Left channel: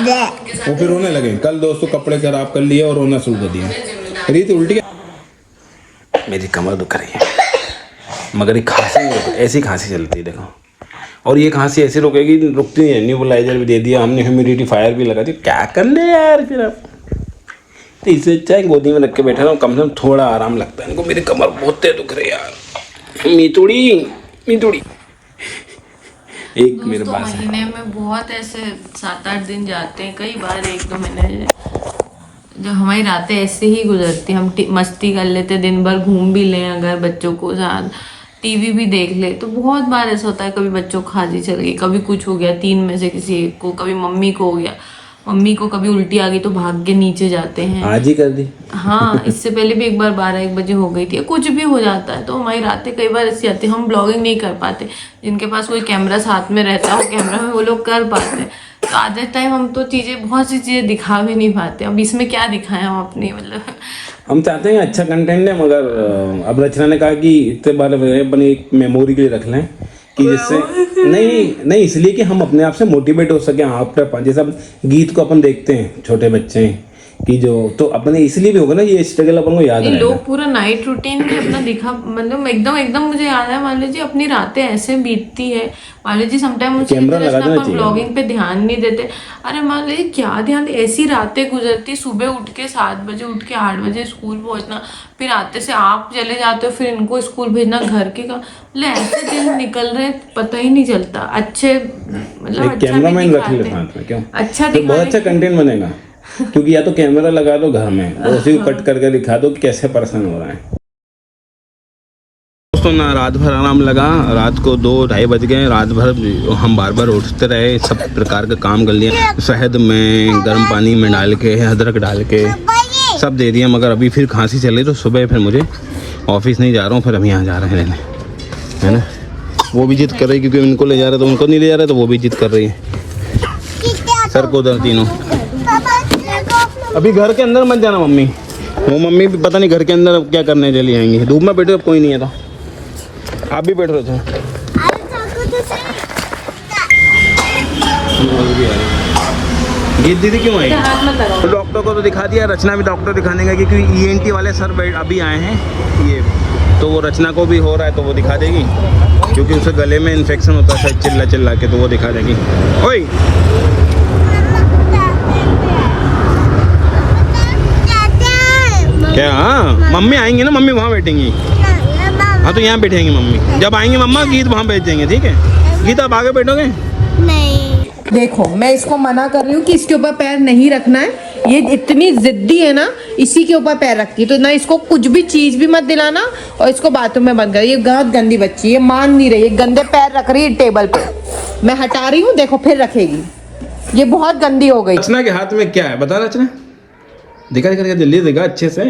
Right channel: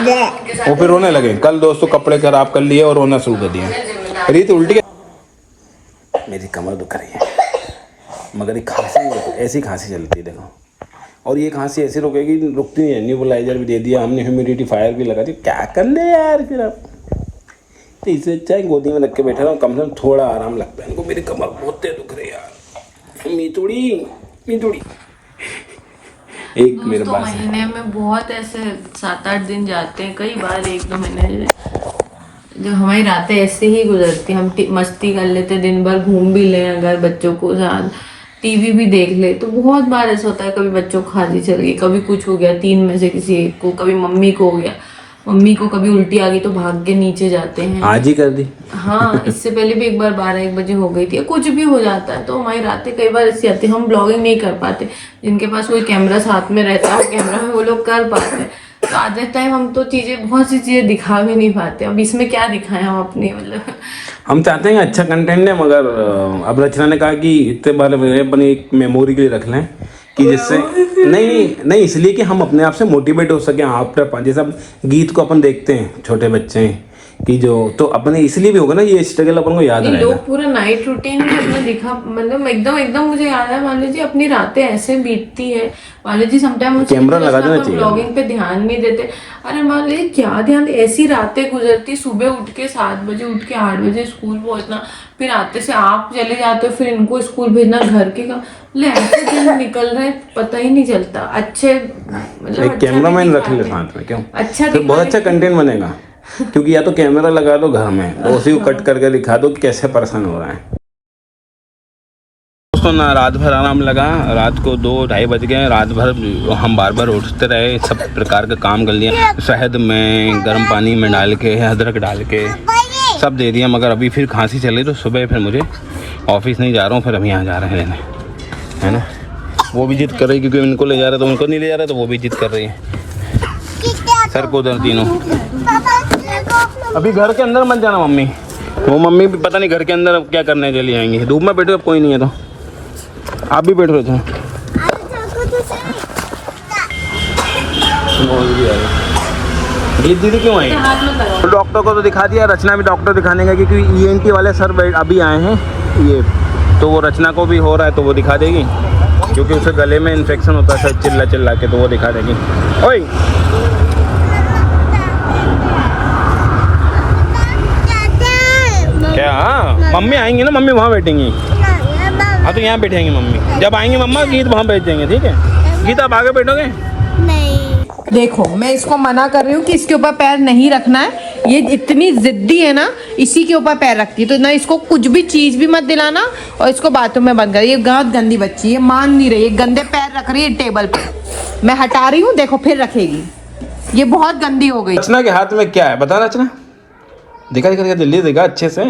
वो फिर रोने लगे। कल दोस्तों कपड़े खराब कर लिए और रोना शुरू कर दिया। रीत उल्टी मेरी कमर दुख रही है, मगर ये खांसी ऐसी खांसी चलती है देखो, और ये खांसी ऐसी रुकेगी, रुकती नहीं है। न्यूबलाइजर भी दे दिया हमने, ह्यूमिडिफायर भी लगा दिया, क्या कर ले यार फिर अब। तो इससे अच्छा है गोदी में रख के बैठा रहा हूँ, कम से कम थोड़ा आराम लगता है इनको। मेरी कमर बहुत दुख रही है यार। मीतुड़ी एक मेरे पास महीने में बहुत ऐसे 7-8 दिन जाते हैं, कई बार 1-2 महीने जो हमारी रातें ऐसे ही गुजरती। हम मस्ती कर लेते, दिन भर घूम भी लें, अगर बच्चों को साथ टीवी भी देख ले, तो बहुत बार ऐसा होता है कभी बच्चों को खांसी चल गई, कभी कुछ हो गया 3 में से किसी एक को, कभी मम्मी को हो गया, मम्मी को कभी उल्टी आ गई तो भाग के नीचे जाते हैं। आज ही कर दी। हाँ, इससे पहले भी एक बार 12-1 बजे हो गई थी। कुछ भी हो जाता है तो हमारी रातें कई बार ऐसी आती है। हम ब्लॉगिंग नहीं कर पाते, जिनके पास कोई कैमरा साथ में रहता है कैमरा में वो लोग कर पाते हैं। तो आधे टाइम हम तो बहुत सी चीजें दिखा भी नहीं पाते। अब इसमें क्या दिखाएं हम अपनी, मतलब हम चाहते हैं अच्छा कंटेंट है, मगर अब रचना ने कहा कि इतने बार अपनी एक मेमोरी के लिए रख लें कि जिससे नहीं इसलिए कि हम अपने आप से मोटिवेट हो सके आफ्टर। जैसे अब गीत को अपन देखते हैं छोटे बच्चे कि जो, तो अपने इसलिए भी होगा ना ये स्ट्रगल अपन को याद है। लोग पूरा नाइट रूटीन भी अपना दिखा, मतलब एकदम मुझे याद है। मान लीजिए अपनी रातें ऐसे बीतती है, मान लीजिए समटाइम अपन ब्लॉगिंग पे ध्यान नहीं देते। अरे मान लीजिए क्या ध्यान, ऐसी रातें गुजरती, सुबह उठ के 7 बजे उठ के 8 बजे स्कूल पहुंचना, फिर आते से आप चले जाते हो, फिर इनको स्कूल भेजना, घर के काम, मतलब ऐसे दिन निकल रहे पता ही नहीं चलता। अच्छे मतलब अच्छा तो बहुत अच्छा कंटेंट बनेगा, क्योंकि या तो कैमरा लगा दो घर में और उसी को कट करके दिखा दो कि कैसे पर्सन हो रहा है। दोस्तों ना रात भर आराम लगा, रात को 2-2:30 बज गए। रात भर हम बार उठते रहे, सब प्रकार का काम कर लिया, शहद में गर्म पानी में डाल के, अदरक डाल के सब दे दिया, मगर अभी फिर खांसी चली तो सुबह फिर मुझे ऑफिस नहीं जा रहा हूँ, फिर हम यहाँ जा रहे हैं रहने, है ना। वो भी जिद कर रही क्योंकि इनको ले जा रहे तो उनको नहीं ले जा रहे, तो वो भी जिद कर रही है। सर को उधर तीनों अभी घर के अंदर मत जाना मम्मी, वो मम्मी भी पता नहीं घर के अंदर क्या करने चली आएंगी। धूप में बैठो, अब कोई नहीं है तो आप भी बैठ रहे थे। ये दीदी क्यों आई? तो डॉक्टर को तो दिखा दिया, रचना भी डॉक्टर दिखाने का, क्योंकि ENT वाले सर अभी आए हैं ये, तो वो रचना को भी हो रहा है तो वो दिखा देगी, क्योंकि उसे गले में इन्फेक्शन होता है चिल्ला के, तो वो दिखा देगी। ओए क्या? हाँ मम्मी आएंगी ना, मम्मी वहाँ बैठेंगी। हाँ तो यहाँ बैठेंगी मम्मी, जब आएंगी मम्मा गीत वहाँ बैठ जाएंगे, ठीक है। गीत आप आगे बैठोगे? नहीं। देखो मैं इसको मना कर रही हूँ कि इसके ऊपर पैर नहीं रखना है, ये इतनी जिद्दी है ना, इसी के ऊपर पैर रखती है, तो ना इसको कुछ भी चीज भी मत दिलाना, और इसको बाथरूम में बंद कर। ये बहुत गंदी बच्ची है, मान नहीं रही, ये गंदे पैर रख रही है टेबल पे। मैं हटा रही हूँ, देखो फिर रखेगी, ये बहुत गंदी हो गई। रचना के हाथ में क्या है बता रचना, दिखा जल्दी दिखा अच्छे से।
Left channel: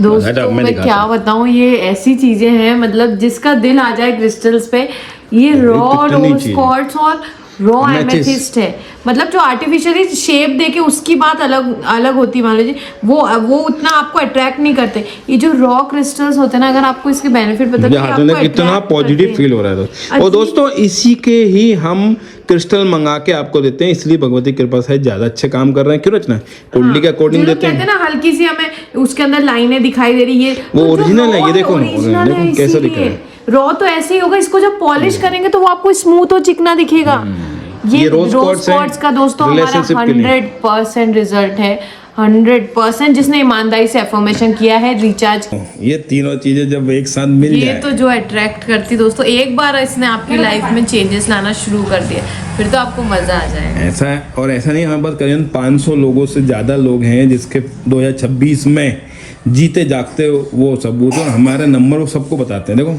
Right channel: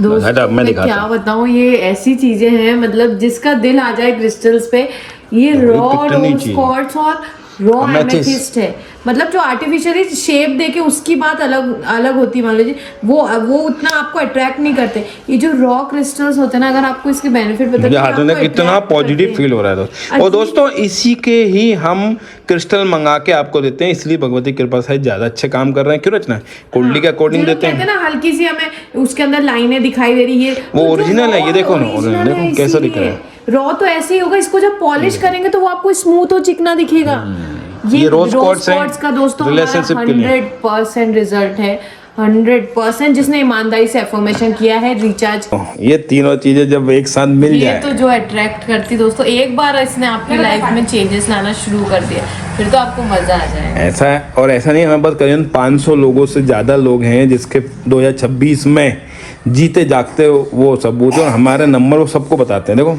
दोस्तों मैं क्या बताऊं, ये ऐसी चीजें हैं मतलब जिसका दिल आ जाए क्रिस्टल्स पे। ये रॉ रोज क्वार्ट्ज और रॉ एमेथिस्ट है, मतलब जो आर्टिफिशियली शेप देके उसकी बात अलग होती है। मान लीजिए वो उतना आपको अट्रैक्ट नहीं करते। ये जो रॉ क्रिस्टल्स होते हैं ना, अगर आपको इसके बेनिफिट पता है, कितना पॉजिटिव फील हो रहा है। और दोस्तों इसी के ही हम क्रिस्टल मंगा के आपको देते हैं, इसलिए भगवती कृपा से ज्यादा अच्छे काम कर रहे हैं। क्यों रचना? क्वालिटी के अकॉर्डिंग देते हैं ना, हल्की सी हमें उसके अंदर लाइनें दिखाई दे रही है, वो ओरिजिनल है। ये देखो कैसा दिख रहा है। रॉ तो ऐसे ही होगा, इसको जब पॉलिश करेंगे तो वो आपको स्मूथ और चिकना दिखेगा। ये रोज क्वार्ट्ज का दोस्तों हमारा 100% रिजल्ट है, 100%। जिसने ईमानदारी से अफर्मेशन किया है, रिचार्ज, ये तीनों चीजें जब एक साथ मिल जाए, ये तो जो अट्रैक्ट करती दोस्तों, एक बार इसने आपकी लाइफ में चेंजेस लाना शुरू कर दिया, फिर तो आपको मजा आ जाएगा। ऐसा है, और ऐसा नहीं, हमारे पास करीबन 500 लोगों से ज्यादा लोग हैं जिसके 2026 में जीते जागते वो सबूत, और हमारे नंबर वो सबको बताते हैं। देखो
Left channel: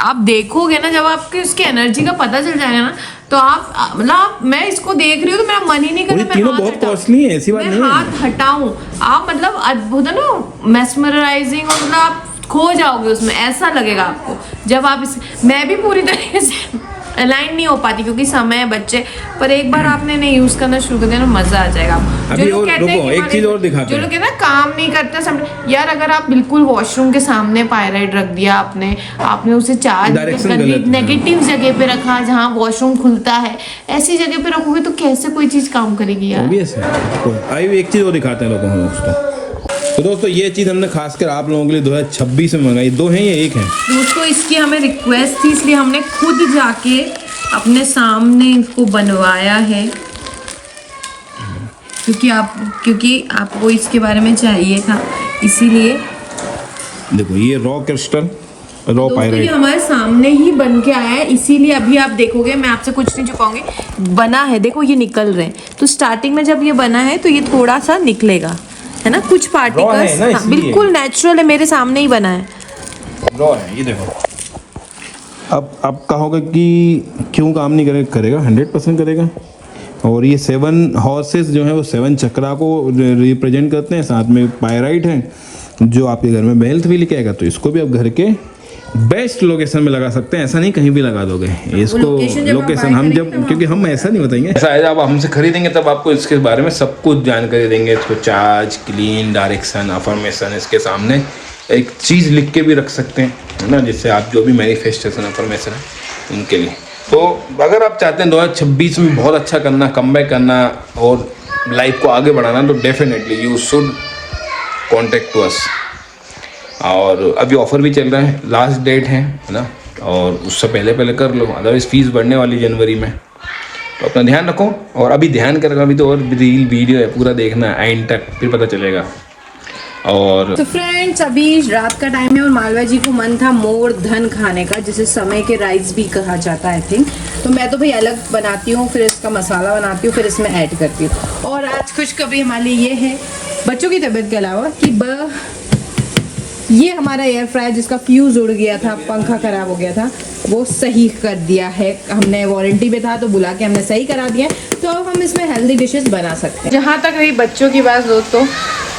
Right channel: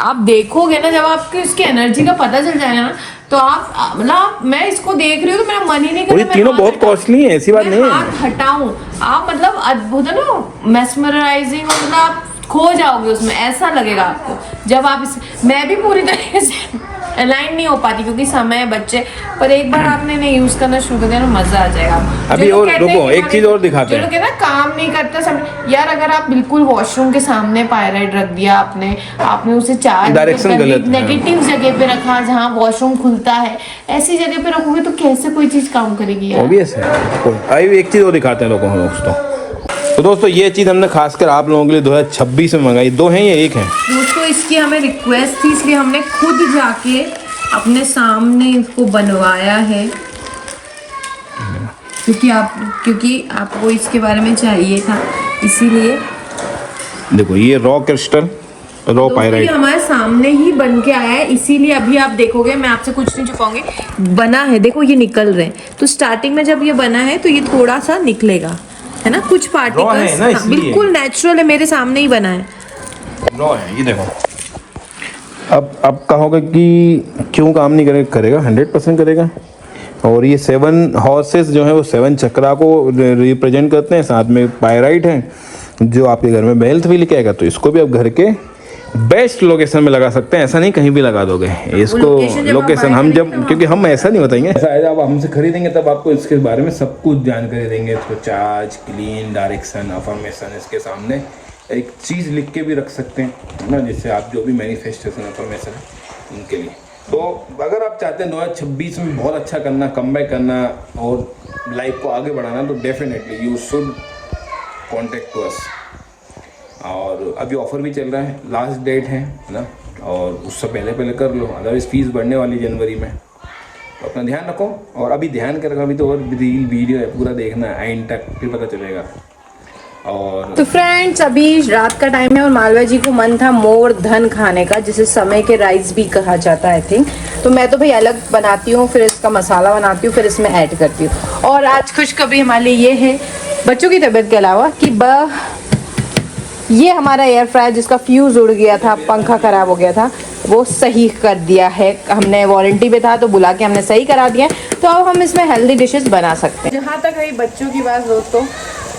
आप देखोगे ना, जब आपको इसकी एनर्जी का पता चल जाएगा ना, तो आप मतलब मैं इसको देख रही हूँ तो मेरा मन ही नहीं कर रहा, तीनों बहुत कॉस्टली है, ऐसी बात नहीं है। हाथ हटाऊं, आप मतलब अद्भुत है ना, मेस्मराइजिंग, और मतलब आप खो जाओगे उसमें, ऐसा लगेगा आपको जब आप मैं भी पूरी तरीके से अलाइन नहीं हो पाती क्योंकि समय है बच्चे, पर एक बार आपने इन्हें यूज करना शुरू कर दिया ना मजा आ जाएगा। अभी जो लोग और कहते हैं रुको, कि एक चीज और दिखाते जो हैं। लोग कहते हैं ना काम नहीं करता सब, यार अगर आप बिल्कुल वॉशरूम के सामने पायराइड रख दिया आपने उसे चार्ज डायरेक्शन गलत है। नेगेटिव जगह पे रखा जहाँ वॉशरूम खुलता है, ऐसी जगह पे रखोगे तो कैसे कोई चीज काम करेगी यार। ऑब्वियस है। अभी एक चीज और दिखाते हैं लोगों को दोस्तों। तो दोस्तों ये चीज़ हमने खासकर आप लोगों के लिए 2026 में मंगाई। 2 हैं या 1 है? दोस्तों इसकी हमें रिक्वेस्ट थी इसलिए हमने खुद जाके अपने सामने इसको बनवाया है, क्योंकि आपको इसके बारे में चाहिए था, इसीलिए। देखो ये रॉ क्रिस्टल, रॉ ये पायराइट हमारे सामने ही बन के आया है, इसीलिए अभी आप देखोगे, मैं आपसे कुछ नहीं छुपाऊंगी, बना है देखो ये निकल रहे हैं। तो स्टार्टिंग में जब ये बना है तो ये थोड़ा सा निकलेगा, है ना, कुछ पार्टिकल्स, बिल्कुल नेचुरल है, मेरे सामने ही बना है। रॉ है ये देखो। अब कहोगे कि क्यों काम नहीं करेगा 100% करेगा। और ये 7 हॉर्सेस जो है वो 7 चक्रा को रिप्रेजेंट करते हैं, साथ में पायराइट है जो आपके घर में हेल्थ भी लेके आएगा। तो इसको भी आप घर के बेस्ट लोकेशन में लगा सकते हैं, ऐसा नहीं कहीं भी लगा दोगे इसको। लोकेशन हम जब, क्योंकि हम ऐसा नहीं बताएंगे, ऐसा है जब आप हमसे खरीदेंगे तब आपको इसके बारे में सब कुछ जानकारी देंगे। इसको चार्ज, क्लीन, डायरेक्शन, अफर्मेशन, इसके सामने एक चीज़ लिख के भी रख सकते हैं, है ना, जिससे आप जो भी मैनिफेस्टेशन अफर्मेशन है उनके लिए। तो अगर आप चाहते हैं 2026 में बहुत अच्छा करना, कमबैक करना और लाइफ को आगे बढ़ाना, तो definitely you should contact to us. और अभी ऑफ़र भी चल रहा है, लास्ट डेट है ना, और उससे पहले कर लो, अदरवाइज़ फीस बढ़ने वाली जनवरी में। तो अपना ध्यान रखो, और अभी ध्यान करेगा, अभी तो और रील वीडियो है, पूरा देखना एंड तक, फिर पता चलेगा। और तो फ्रेंड्स अभी रात का टाइम है और मालवा जी को मन था मोर धन खाने का, जिसे समय के राइस भी कहा जाता है आई थिंक। तो मैं तो भाई अलग बनाती हूँ, फिर इसका मसाला बनाती हूँ, फिर इसमें ऐड करती हूँ। और आज खुशखबरी हमारे लिए ये है बच्चों की तबीयत के अलावा कि ये हमारा एयर फ्रायर जिसका फ्यूज़ उड़ गया था, पंखा ख़राब हो गया था, वो सही कर दिया है। हमने वारंटी पे था तो बुला के हमने सही करा दिया है। तो अब हम इसमें हेल्दी डिशेस बना सकते हैं। जहाँ तक रही बच्चों की बात दोस्तों,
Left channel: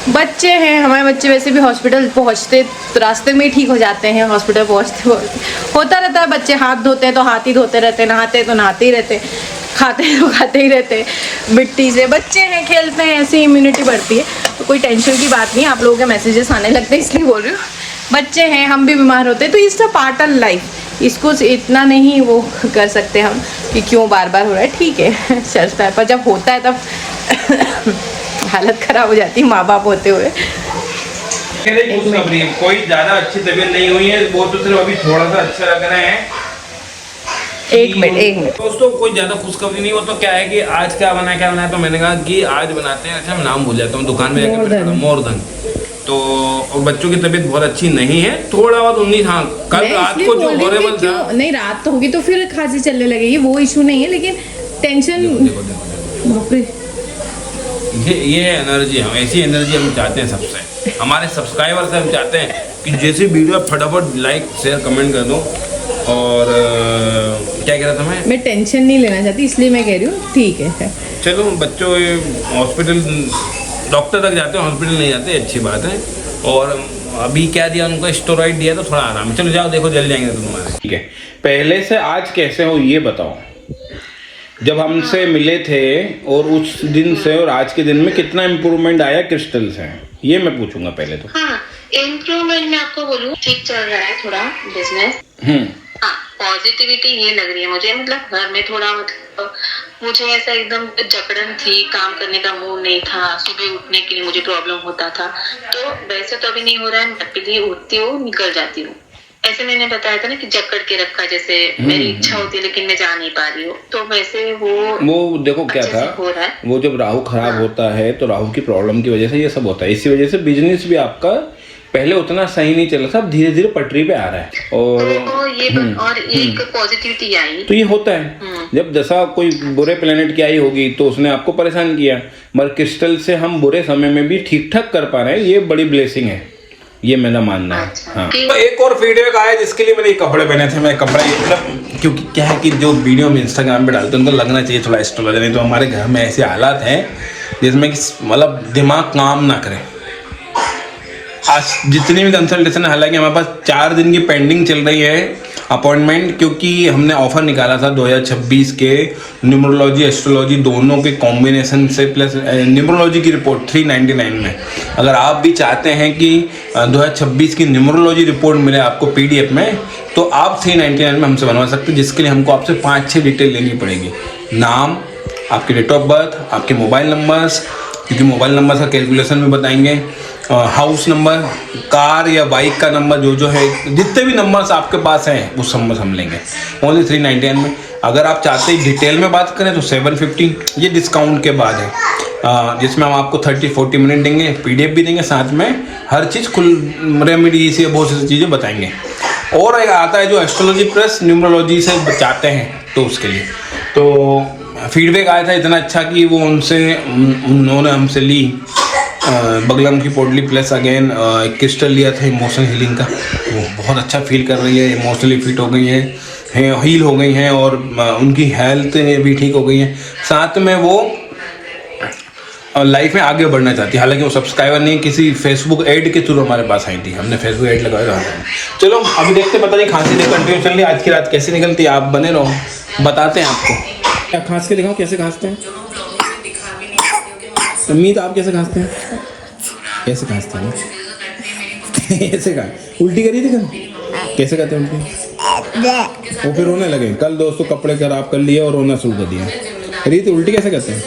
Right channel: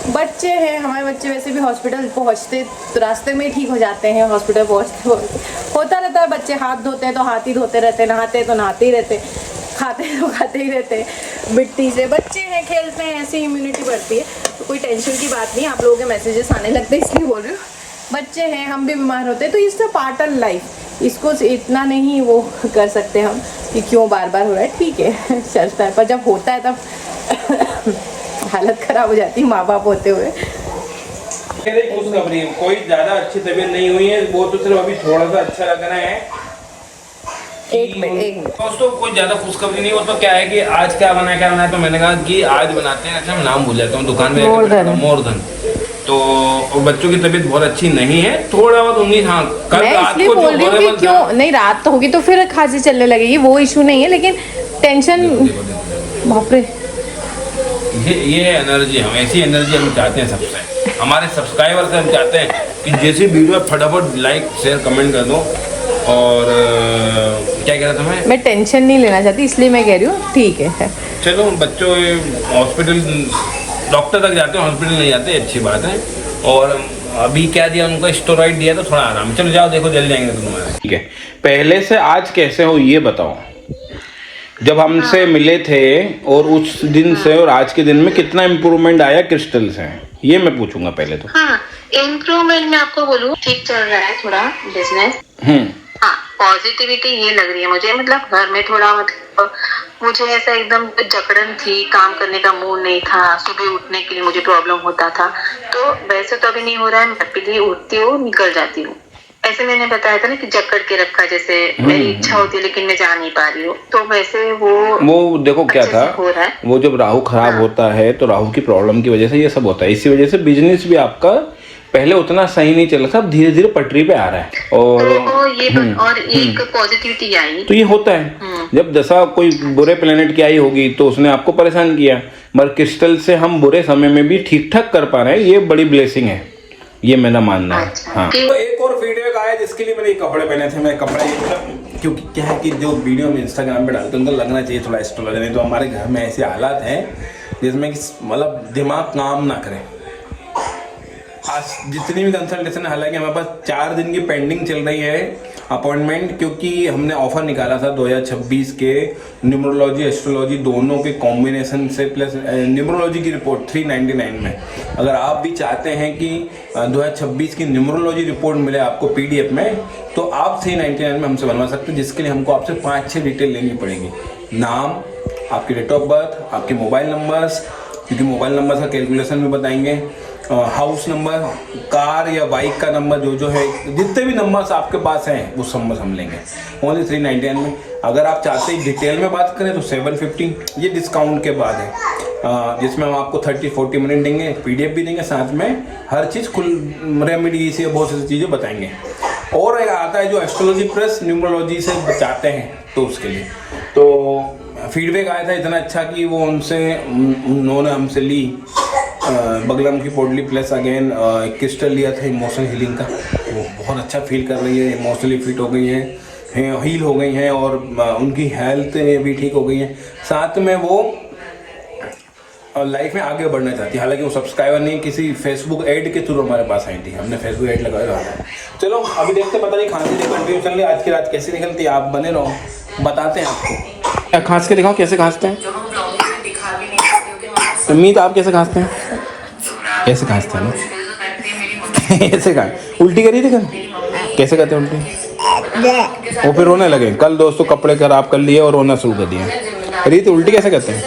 बच्चे हैं हमारे, बच्चे वैसे भी हॉस्पिटल पहुँचते तो रास्ते में ही ठीक हो जाते हैं, हॉस्पिटल पहुँचते होता रहता है। बच्चे हाथ धोते हैं तो हाथ ही धोते रहते हैं, नहाते तो नहाते ही रहते, खाते हैं तो खाते ही रहते, मिट्टी से। बच्चे हैं, खेलते हैं, ऐसे इम्यूनिटी बढ़ती है, तो कोई टेंशन की बात नहीं। आप लोगों के मैसेजेस आने लगते हैं इसलिए बोल रही हूँ। बच्चे हैं, हम भी बीमार होते हैं, तो it's a part of life. इसको इतना नहीं वो कर सकते हम कि क्यों बार बार हो रहा है, ठीक है चलता है, पर जब होता है तब हालत खराब हो जाती है माँ बाप होते हुए। कोई ज्यादा अच्छी तबीयत नहीं हुई है, वो तो सिर्फ अभी थोड़ा सा अच्छा लग रहा है। एक मिनट दोस्तों कोई ज्यादा खुशखबरी नहीं। वो तो क्या है कि आज क्या बना है, तो मैंने कहा कि आज बनाते हैं, अच्छा मैं नाम भूल जाता हूँ, दुकान में मोरधन। तो बच्चों की तबीयत बहुत अच्छी नहीं है, थोड़ा बहुत 19, हाँ कल रात को जो हॉरेबल था, नहीं रात तो होगी तो फिर खांसी चलने लगेगी, वो इशू नहीं है, लेकिन टेंशन, बाप रे, ये एनर्जी, हम ऐसी एनर्जी हम चाहते हैं सबसे, हमारे सब्सक्राइबर से हम चाहते हैं कि जैसी वीडियो फटाफट लाइक शेयर कमेंट कर दो। और क्या कह रहा था मैं टेंशन नहीं लेना चाहती इसलिए मैं कह रही हूँ, ठीक है चलो। बच्चों हॉस्पिटल, डॉक्टर तक जाते हैं, हॉस्पिटल नहीं जाते, अच्छी बात है। और अभी क्या दिया उनको, स्टेरॉइड दिया, तो थोड़ा आराम। चलो जाओ देखो, जल जाएंगे तुम्हारे। ठीक है, पहले से आज कैसे हो ये बताओ। जब हमसे मिले थे और उस दिन से और आज के दिन में कितना इम्प्रूवमेंट आया क्रिस्टल से, ये मैं पूछूंगा पहले तो। हाँ, इम्प्रूवमेंट मैं आपको बोलूँ, ठीक चल रहा है थोड़ा बिजनेस। हाँ, पॉजिटिविटी ये लग रही है मुझे, मतलब घर में थोड़ा, मतलब मुझे ऐसा एकदम जकड़न थी, काम करने का मूड नहीं था, सुबह उठने के लिए मुझे प्रॉब्लम होता था। तो वैसे तो अभी नहीं हो रहा है, मैं पीछे उठती हूँ, निकल जाती हूँ। ऐसे मैंने बताया था ना कि जकड़ के रखा, जैसे मेरी इच्छा होती है लेकिन मैं जा नहीं पा रही हूँ, तो वैसे वो देखो क्या था, हो रहा है। वो जब राहु खराब होता है तो राहु की प्रॉब्लम की वजह से ये सब होता है। इसी वजह से बिजनेस भी आपका पहले उतना सही नहीं चल रहा था, अब धीरे धीरे पटरी पे आ रहा है। और और एक पॉजिटिविटी आई, तो ये होता है जब दशा कोई बुरे प्लेनेट की आई होगी तो उसने आपको परेशान किया, मगर क्रिस्टल से हम बुरे समय में भी ठीक ठाक कर पा रहे हैं, ये बड़ी ब्लेसिंग है, ये मेरा मानना है। हाँ, तो एक और फीडबैक आया जिसके लिए मैंने कपड़े पहने थे। मैं कपड़ा मतलब, क्योंकि क्या है कि जो वीडियो में इंस्टाग्राम पे डालते हैं उनको लगना चाहिए थोड़ा एस्ट्रोलॉजर, नहीं तो हमारे घर में ऐसे हालात हैं जिसमें कि मतलब दिमाग काम ना करे। आज जितनी भी कंसल्टेशन है, हालांकि हमारे पास 4 दिन की पेंडिंग चल रही है, अपॉइंटमेंट, क्योंकि हमने ऑफर निकाला था 2026 के न्यूमरोलॉजी एस्ट्रोलॉजी दोनों के कॉम्बिनेशन से प्लस न्यूमरोलॉजी की रिपोर्ट 399 में। अगर आप भी चाहते हैं कि 2026 की न्यूमरोलॉजी रिपोर्ट मिले आपको PDF में, तो आप 399 में हमसे बनवा सकते हैं, जिसके लिए हमको आपसे 5-6 डिटेल लेनी पड़ेगी। नाम, आपकी डेट ऑफ बर्थ, आपके मोबाइल नंबर्स, क्योंकि मोबाइल नंबर का कैलकुलेशन भी बताएंगे, हाउस नंबर, कार या बाइक का नंबर, जो है जितने भी नंबर्स आपके पास हैं वो सब हम लेंगे ओनली 399 में। अगर आप चाहते हैं डिटेल में बात करें तो 750, ये डिस्काउंट के बाद है, जिसमें हम आपको 30-40 मिनट देंगे, PDF भी देंगे, साथ में हर चीज़ कुल रेमेडी से बहुत सी चीज़ें बताएंगे। और एक आता है जो एस्ट्रोलॉजी प्लस न्यूमरोलॉजी से चाहते हैं तो उसके लिए, तो फीडबैक आया था इतना अच्छा कि वो उन्होंने हमसे ली बगलम की पोटली प्लस अगेन एक क्रिस्टल लिया था इमोशनल हीलिंग का, वो बहुत अच्छा फील कर रही है, इमोशनली फिट हो गई हैं, हील हो गई हैं और उनकी हेल्थ भी ठीक हो गई है। साथ में वो लाइफ में आगे बढ़ना चाहती है, हालांकि वो सब्सक्राइबर नहीं, किसी फेसबुक ऐड के थ्रू हमारे पास आई थी, हमने फेसबुक ऐड लगाया था। चलो अभी देखते, पता नहीं खांसी से कंटिन्यू चल रही है, आज की रात कैसे निकलती है, आप बने रहो, बताते हैं आपको। क्या खांस के दिखाओ, कैसे खांसते हैं उम्मीद, आप कैसे खांसते हैं, कैसे खांसते हैं ऐसे खा, उल्टी करी थी कल, कैसे करते हैं उल्टी, वो फिर रोने लगे कल, दोस्तों कपड़े खराब कर लिए और रोना शुरू कर दिया। रीत उल्टी कैसे करते हैं,